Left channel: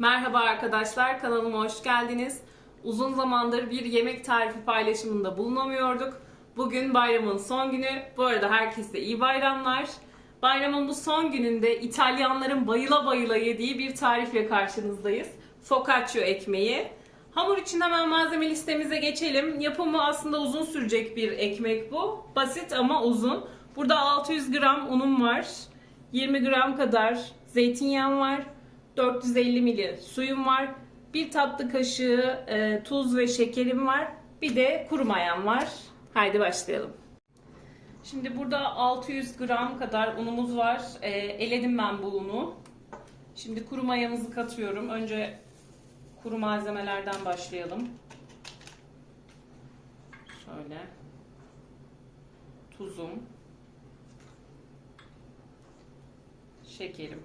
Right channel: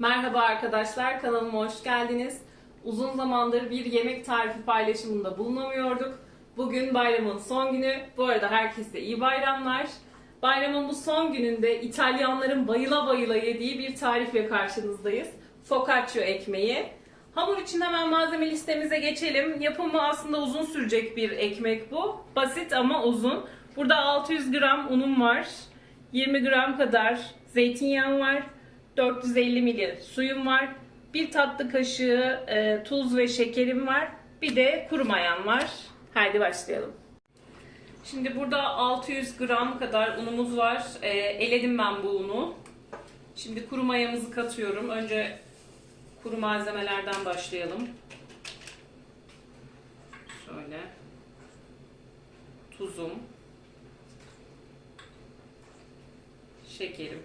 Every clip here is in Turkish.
Merhaba arkadaşlar, kanalıma hoş geldiniz. Uzun zamandır bir yemek tarifi paylaşımında bulunamıyorduk. Bugün bayramın son günü. Bu arada herkese iyi bayramlar. Bayramın bu son gününde İtalyanların bayıla bayıla yediği bir tarifle karşınızdayız. Focaccia ekmeği. Hamur için hemen malzeme listemize geçelim. Yapımı aslında uzun sürecek bir ekmek bu. Basit ama uzun. Burada 600 gram unum var. 20 gram kadar zeytinyağım var. 450 ml suyum var. Bir tatlı kaşığı e, tuz ve şekerim var. Bir de kuru mayam var. Haydi başlayalım. Şimdi burada 600 gram kadar unumuz var. E, eledim ben bu unu. Şimdi kuru mayamızı katıyorum. Önce kuru malzemelerden başlayalım. Şöyle. Tuzum. Şekerim.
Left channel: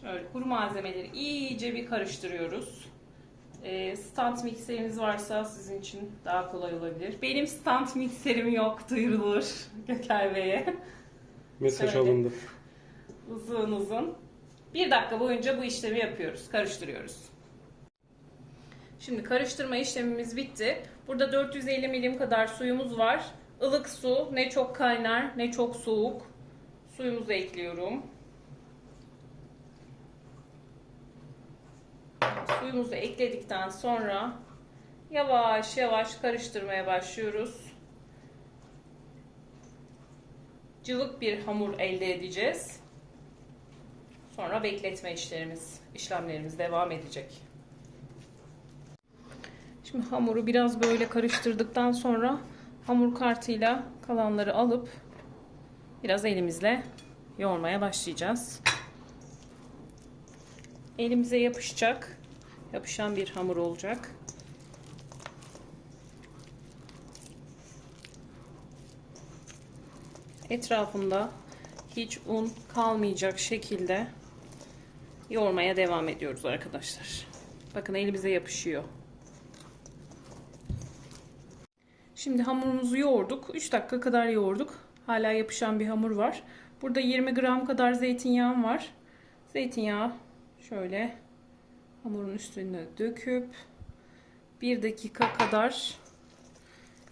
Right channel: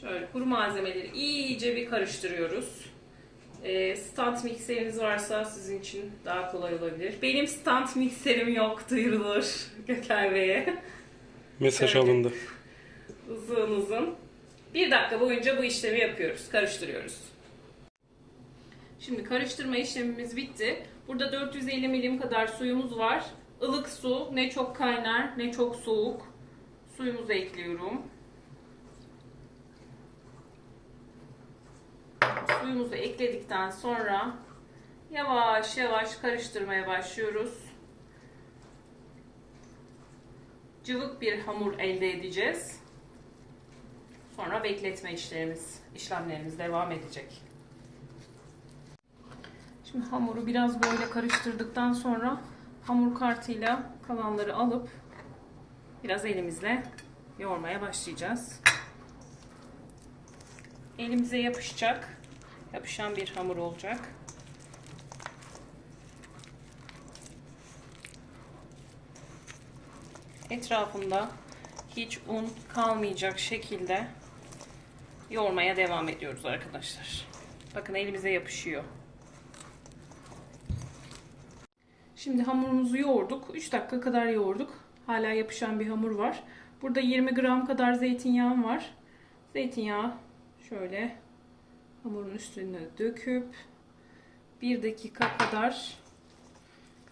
Şöyle kuru malzemeleri iyice bir karıştırıyoruz. E, stand mikseriniz varsa sizin için daha kolay olabilir. Benim stand mikserim yok duyurulur Gökay Bey'e. Mesaj Evet. alındı. Uzun uzun. Bir dakika boyunca bu işlemi yapıyoruz. Karıştırıyoruz. Şimdi karıştırma işlemimiz bitti. Burada 450 milim kadar suyumuz var. Ilık su. Ne çok kaynar ne çok soğuk. Suyumuzu ekliyorum. Suyumuzu ekledikten sonra yavaş yavaş karıştırmaya başlıyoruz. Cıvık bir hamur elde edeceğiz. Sonra bekletme işlerimiz, işlemlerimiz devam edecek. Şimdi hamuru biraz böyle karıştırdıktan sonra hamur kartıyla kalanları alıp biraz elimizle yoğurmaya başlayacağız. Elimize yapışacak, yapışan bir hamur olacak. Etrafında hiç un kalmayacak şekilde yoğurmaya devam ediyoruz arkadaşlar. Bakın elimize yapışıyor. Şimdi hamurumuzu yoğurduk. 3 dakika kadar yoğurduk. Hala yapışan bir hamur var. Burada 20 gram kadar zeytinyağım var. Zeytinyağı şöyle hamurun üstüne döküp 1 dakika kadar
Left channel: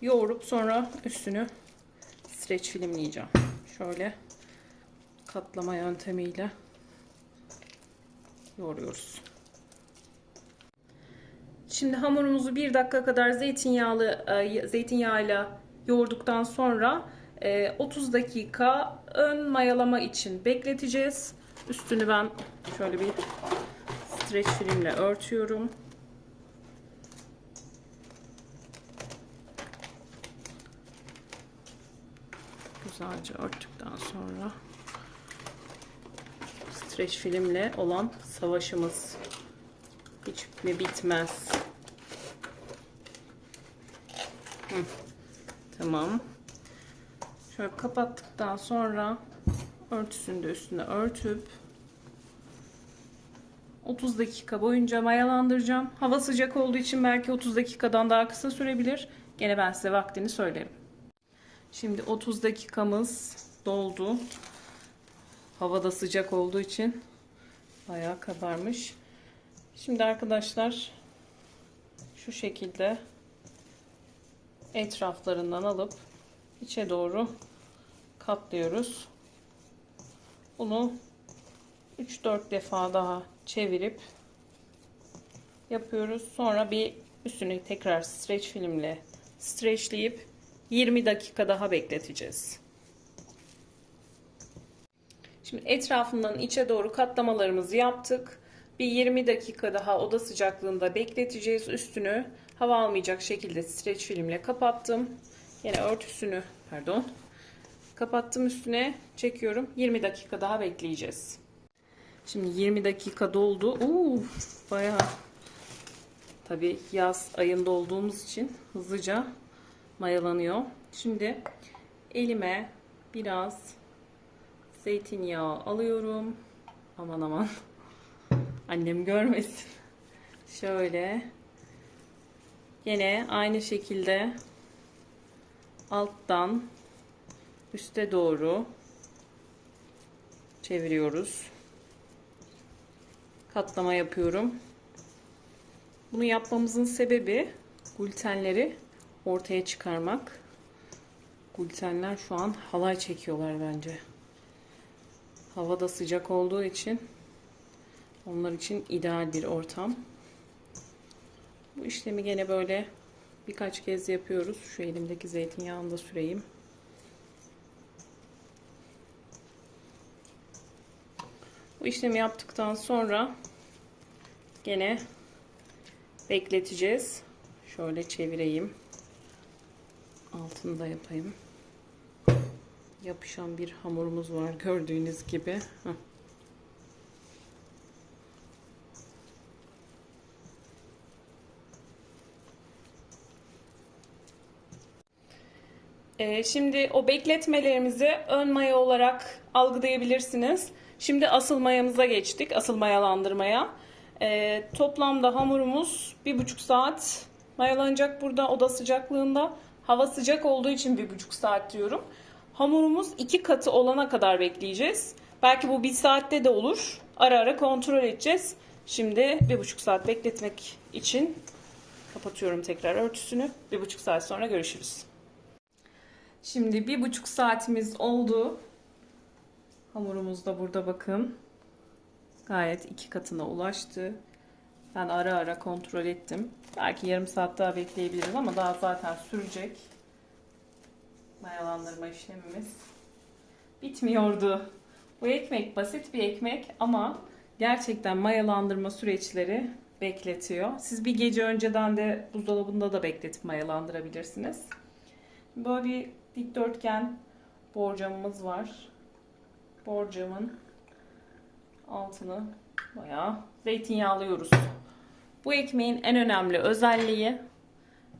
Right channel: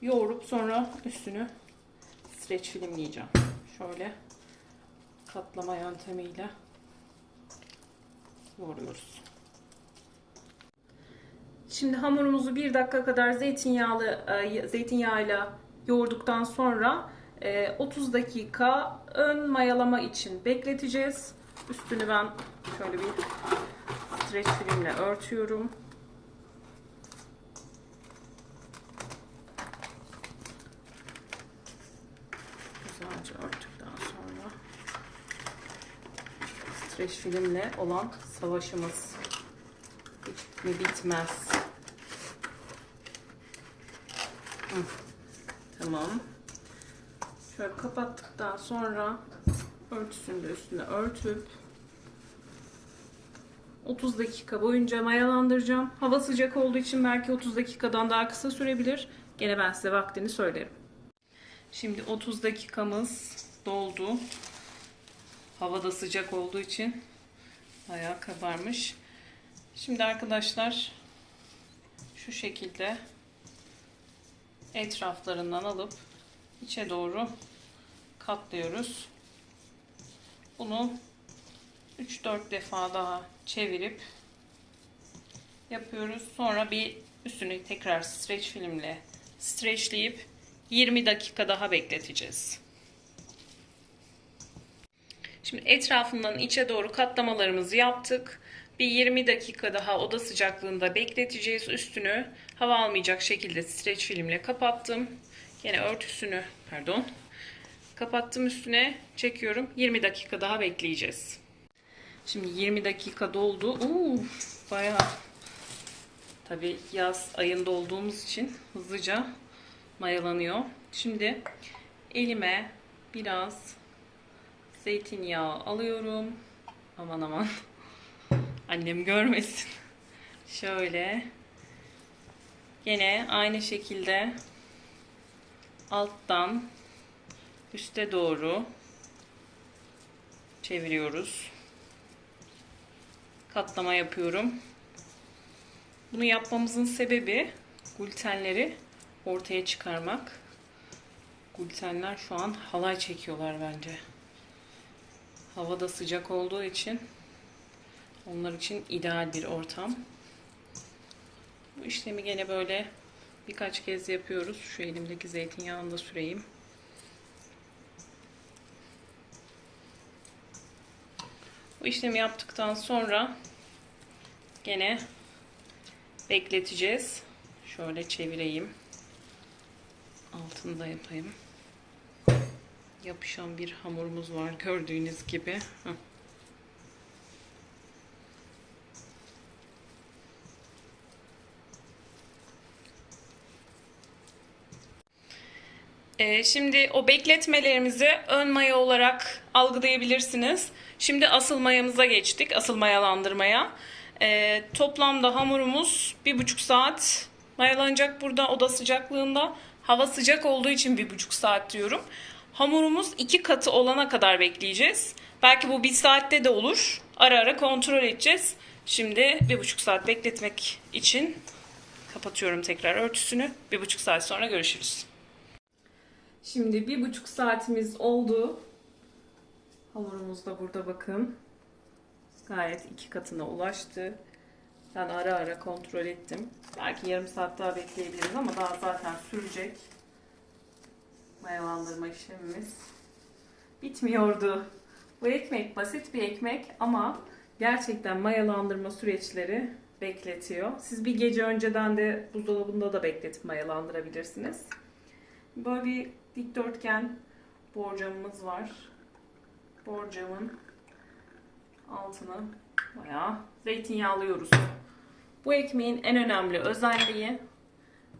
yoğurup sonra üstünü streç filmleyeceğim. Şöyle katlama yöntemiyle yoğuruyoruz. Şimdi hamurumuzu bir dakika kadar zeytinyağlı e, zeytinyağıyla yoğurduktan sonra e, 30 dakika ön mayalama için bekleteceğiz. Üstünü ben şöyle bir streç filmle örtüyorum. Güzelce örttükten sonra streç filmle olan savaşımız hiç mi bitmez. Hı, Tamam. Şöyle kapattıktan sonra örtüsünü de üstüne örtüp 30 dakika boyunca mayalandıracağım. Hava sıcak olduğu için belki 30 dakikadan daha kısa sürebilir. Gene ben size vaktini söylerim. Şimdi 30 dakikamız doldu. Havada sıcak olduğu için bayağı kabarmış. Şimdi arkadaşlar şu şekilde etraflarından alıp içe doğru katlıyoruz. Bunu 3-4 defa daha çevirip yapıyoruz. Sonra bir üstünü tekrar streç filmle streçleyip 20 dakika daha bekleteceğiz. Şimdi etrafından içe doğru katlamalarımızı yaptık. Bir 20 dakika daha oda sıcaklığında bekleteceğiz. Üstünü hava almayacak şekilde streç filmle kapattım. Yine örtüsünü pardon kapattım üstüne çekiyorum. 20 dakika daha bekleyeceğiz. Şimdi 20 dakika doldu. Uuu bayağı tabi yaz ayında olduğumuz için hızlıca mayalanıyor. Şimdi elime biraz zeytinyağı alıyorum. Aman aman. Annem görmesin. Şöyle. Yine aynı şekilde alttan üste doğru çeviriyoruz. Katlama yapıyorum. Bunu yapmamızın sebebi glutenleri ortaya çıkarmak. Glutenler şu an halay çekiyorlar bence. Hava da sıcak olduğu için onlar için ideal bir ortam. Bu işlemi gene böyle birkaç kez yapıyoruz. Şu elimdeki zeytinyağını da süreyim. Bu işlemi yaptıktan sonra gene bekleteceğiz. Şöyle çevireyim. Altını da yapayım. Yapışan bir hamurumuz var gördüğünüz gibi. Ee, şimdi o bekletmelerimizi ön maya olarak algılayabilirsiniz. Şimdi asıl mayamıza geçtik. Asıl mayalandırmaya. Ee, toplamda hamurumuz bir buçuk saat mayalanacak burada oda sıcaklığında. Hava sıcak olduğu için bir buçuk saat diyorum. Hamurumuz iki katı olana kadar bekleyeceğiz. Belki bu bir saatte de olur. Ara ara kontrol edeceğiz. Şimdi bir buçuk saat bekletmek için kapatıyorum tekrar örtüsünü. Bir buçuk saat sonra görüşürüz. Şimdi bir buçuk saatimiz oldu. Hamurumuz da burada bakın. Gayet iki katına ulaştı. Ben ara ara kontrol ettim. Belki yarım saat daha bekleyebiliriz ama daha zaten sürecek. Mayalandırma işlemimiz bitmiyordu. Bu ekmek basit bir ekmek ama gerçekten mayalandırma süreçleri bekletiyor. Siz bir gece önceden de buzdolabında da bekletip mayalandırabilirsiniz. Böyle bir dikdörtgen borcamımız var. Borcamın altını bayağı zeytinyağlıyoruz. Bu ekmeğin en önemli özelliği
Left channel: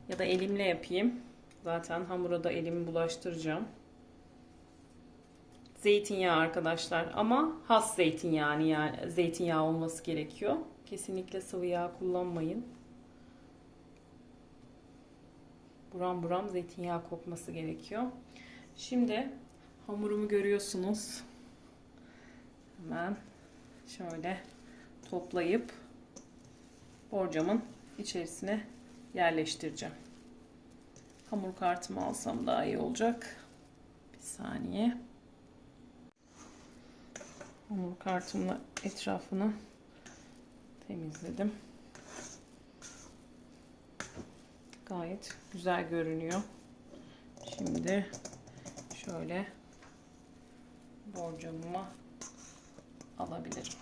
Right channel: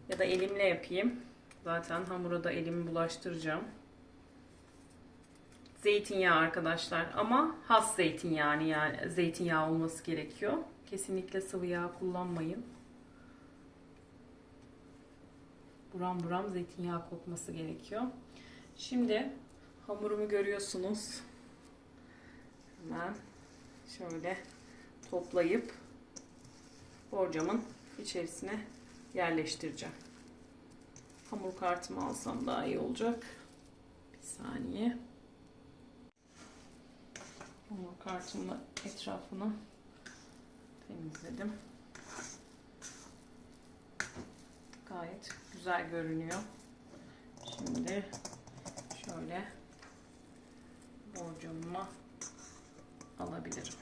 ya da elimle yapayım. Zaten hamura da elimi bulaştıracağım. Zeytinyağı arkadaşlar ama has zeytinyağı yani zeytinyağı olması gerekiyor. Kesinlikle sıvı yağ kullanmayın. Buram buram zeytinyağı kokması gerekiyor. Şimdi hamurumu görüyorsunuz. Hemen şöyle toplayıp borcamın içerisine yerleştireceğim. Hamur kartımı alsam daha iyi olacak. Bir saniye. Hamur kartımla etrafını temizledim. Gayet güzel görünüyor. Şimdi şöyle borcamıma alabilirim.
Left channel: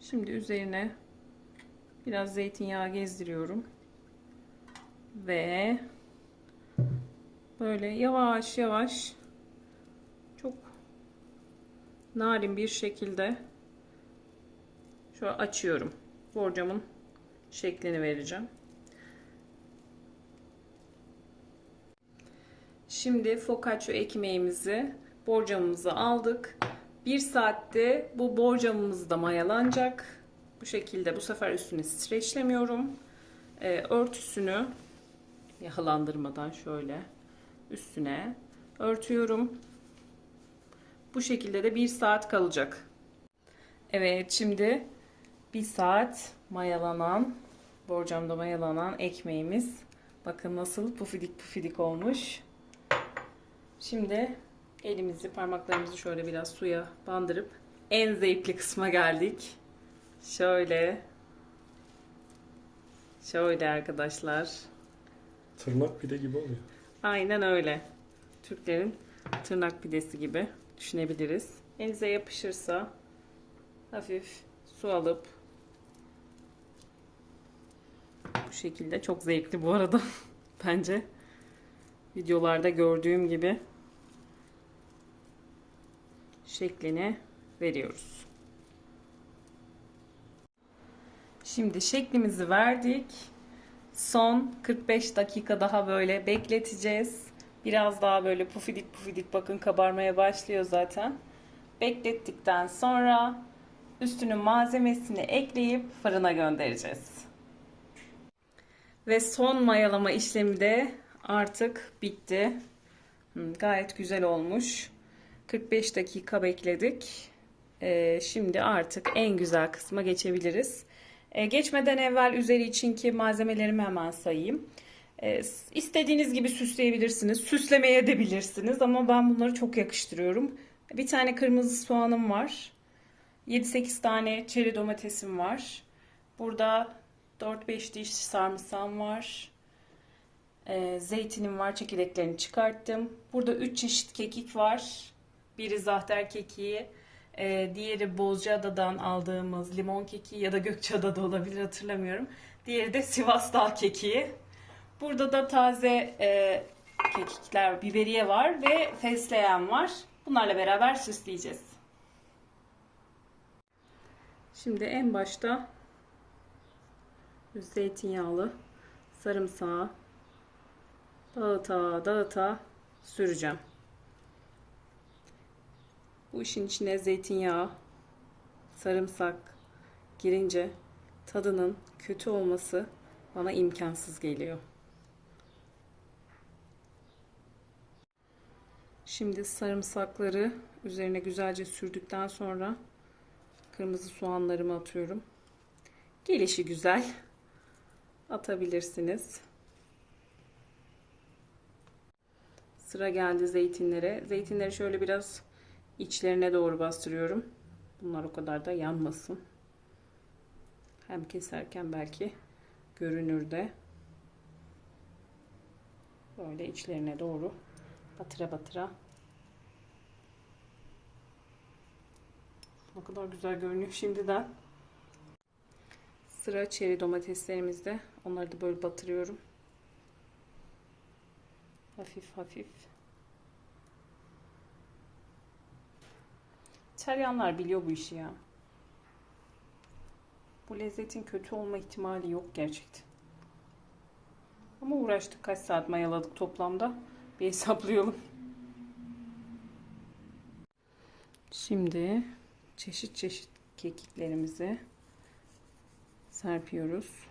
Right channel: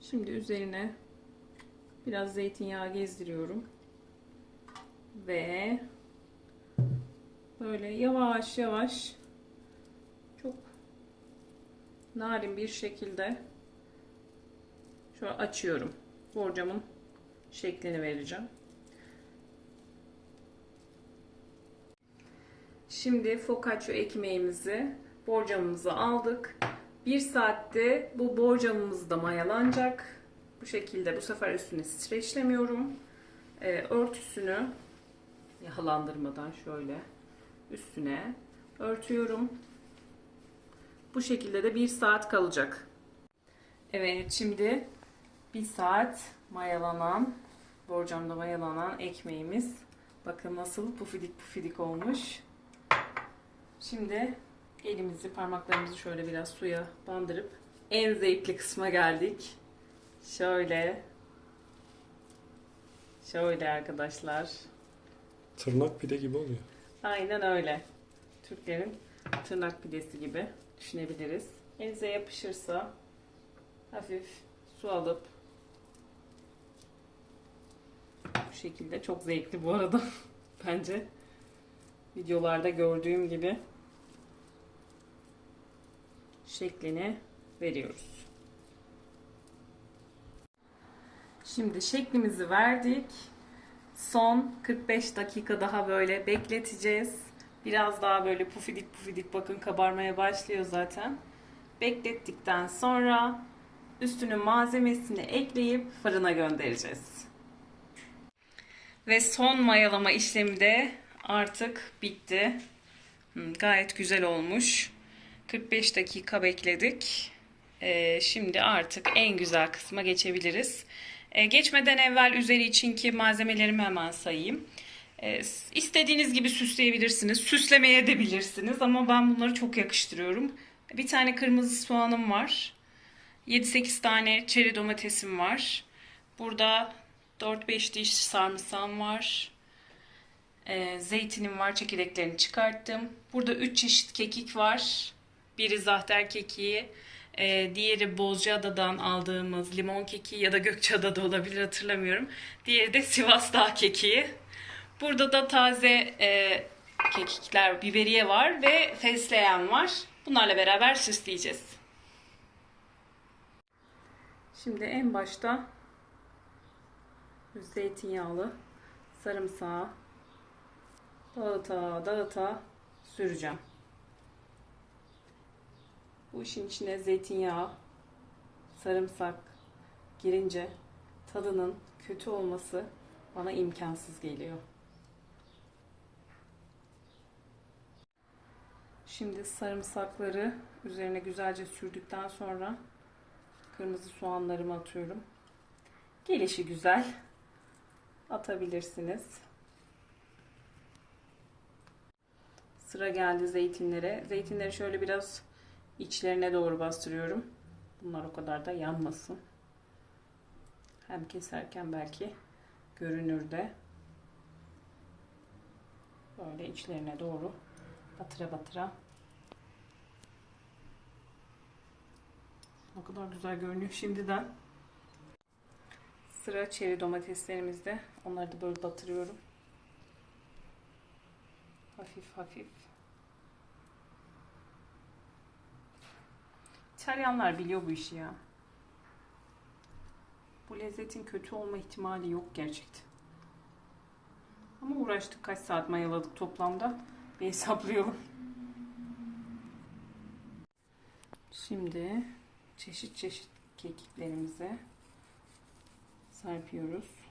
Şimdi üzerine biraz zeytinyağı gezdiriyorum. Ve böyle yavaş yavaş çok narin bir şekilde şöyle açıyorum. Borcamın şeklini vereceğim. Şimdi focaccia ekmeğimizi borcamımıza aldık. Bir saatte bu borcamımız da mayalanacak. Bu şekilde bu sefer üstüne streçlemiyorum. Ee, örtüsünü yağlandırmadan şöyle üstüne örtüyorum. Bu şekilde de bir saat kalacak. Evet şimdi bir saat mayalanan borcamda mayalanan ekmeğimiz bakın nasıl pufidik pufidik olmuş. Şimdi elimizi parmaklarımızı şöyle biraz suya bandırıp en zevkli kısma geldik. Şöyle şöyle arkadaşlar. Tırnak pide gibi oluyor. Aynen öyle. Türklerin tırnak pidesi gibi düşünebiliriz. Elinize yapışırsa hafif su alıp bu şekilde çok zevkli bu arada bence videolarda gördüğüm gibi şeklini veriyoruz. Şimdi şeklimizi verdik. Son 45 dakika daha böyle bekleteceğiz. Biraz daha böyle pufidik pufidik bakın kabarmaya başlıyor zaten. Beklettikten sonra üstünün malzemesini ekleyip fırına göndereceğiz. Ve son mayalama işlemi de artık bitti. Gayet güzel olmuş. 45 dakika bekledik. Ee, şimdi artık en güzel kısma geçebiliriz. Ee, geçmeden evvel üzeri içinki malzemelerimi hemen sayayım. Ee, istediğiniz gibi süsleyebilirsiniz. Süslemeye de bilirsiniz ama ben bunları çok yakıştırıyorum. Bir tane kırmızı soğanım var. 7-8 tane çeri domatesim var. Burada 4-5 diş sarımsağım var. Ee, zeytinim var. Çekirdeklerini çıkarttım. Burada 3 çeşit kekik var. Biri zahter kekiği. ee, diğeri Bozcaada'dan aldığımız limon kekiği ya da Gökçeada'da olabilir hatırlamıyorum. Diğeri de Sivas Dağ kekiği. Burada da taze e, kekikler, biberiye var ve fesleğen var. Bunlarla beraber süsleyeceğiz. Şimdi en başta zeytinyağlı sarımsağı dağıta dağıta süreceğim. Bu işin içine zeytinyağı, sarımsak girince tadının kötü olması bana imkansız geliyor. Şimdi sarımsakları üzerine güzelce sürdükten sonra kırmızı soğanlarımı atıyorum. Gelişi güzel. Atabilirsiniz. Sıra geldi zeytinlere. Zeytinleri şöyle biraz içlerine doğru bastırıyorum. Bunlar o kadar da yanmasın. Hem keserken belki görünür de. Böyle içlerine doğru batıra batıra. Ne kadar güzel görünüyor şimdiden. Sıra çeri domateslerimizde. Onları da böyle batırıyorum. Hafif hafif. İtalyanlar biliyor bu işi ya. Bu lezzetin kötü olma ihtimali yok gerçekten. Ama uğraştık kaç saat mayaladık toplamda. Bir hesaplayalım. Şimdi çeşit çeşit kekiklerimizi serpiyoruz.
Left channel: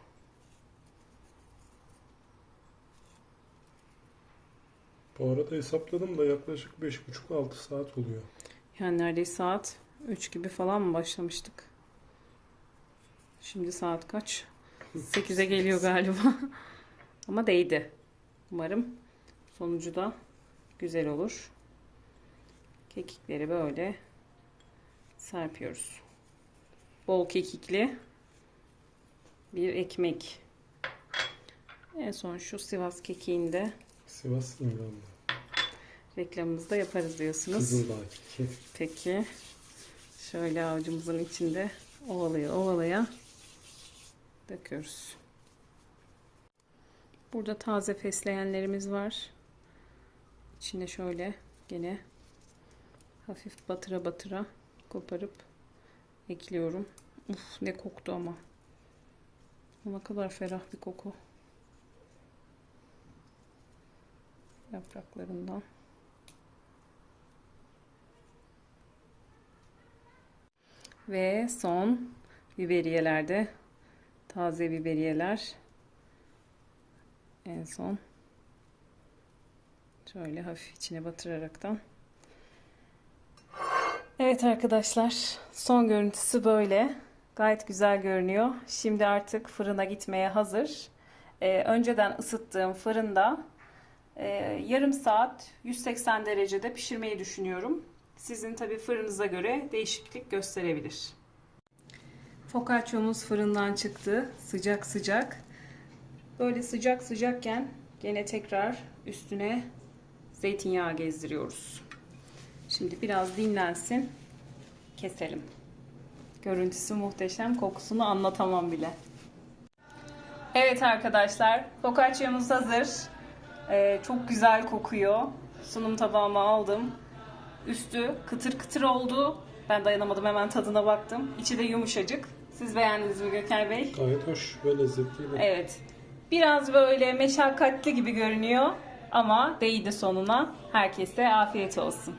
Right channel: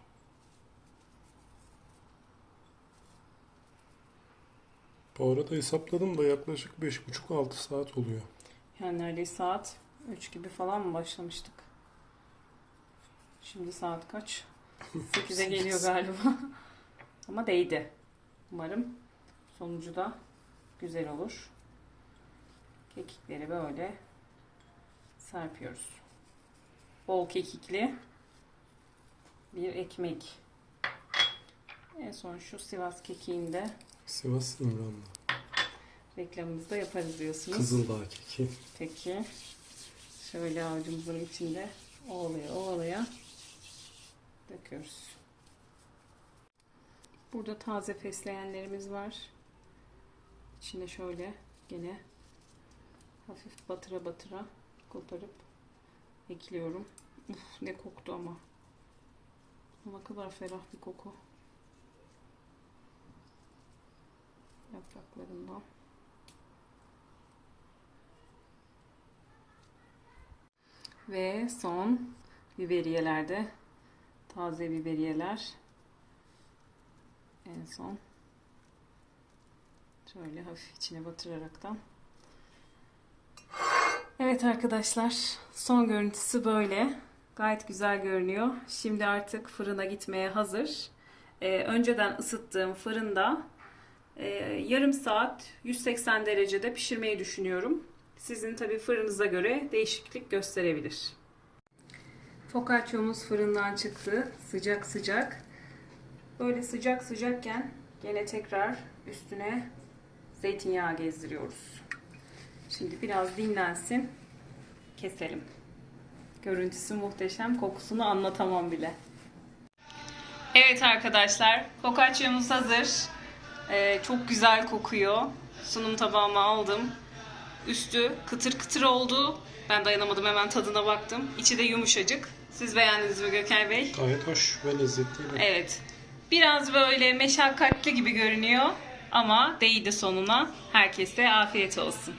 Bu arada hesapladım da yaklaşık 5,5-6 saat oluyor. Yani neredeyse saat 3 gibi falan mı başlamıştık? Şimdi saat kaç? 8'e geliyor galiba. Ama değdi. Umarım sonucu da güzel olur. Kekikleri böyle serpiyoruz. Bol kekikli bir ekmek. En son şu Sivas kekiğini de Sivas İmranlı. Reklamımızda yaparız diyorsunuz. Kızıldağ keki. Peki. Şöyle avucumuzun içinde ovalaya ovalaya döküyoruz. Burada taze fesleğenlerimiz var. İçine şöyle gene hafif batıra batıra koparıp ekliyorum. Uf ne koktu ama. Ne kadar ferah bir koku. Yapraklarından. Ve son biberiyelerde taze biberiyeler. En son şöyle hafif içine batıraraktan. Evet arkadaşlar son görüntüsü böyle. Gayet güzel görünüyor. Şimdi artık fırına gitmeye hazır. Ee, önceden ısıttığım fırında e, yarım saat 180 derecede pişirmeyi düşünüyorum sizin tabi fırınıza göre değişiklik gösterebilir. Focaccia'mız fırından çıktı. Sıcak sıcak. Böyle sıcak sıcakken gene tekrar üstüne zeytinyağı gezdiriyoruz. Şimdi biraz dinlensin. Keselim. Görüntüsü muhteşem. Kokusunu anlatamam bile. Evet arkadaşlar. Focaccia'mız hazır. Ee, çok güzel kokuyor. Sunum tabağıma aldım. Üstü kıtır kıtır oldu. Ben dayanamadım hemen tadına baktım. İçi de yumuşacık. Siz beğendiniz mi Gökay Bey? Gayet hoş ve lezzetliydi. Evet. Biraz böyle meşakkatli gibi görünüyor ama değdi sonuna. Herkese afiyet olsun.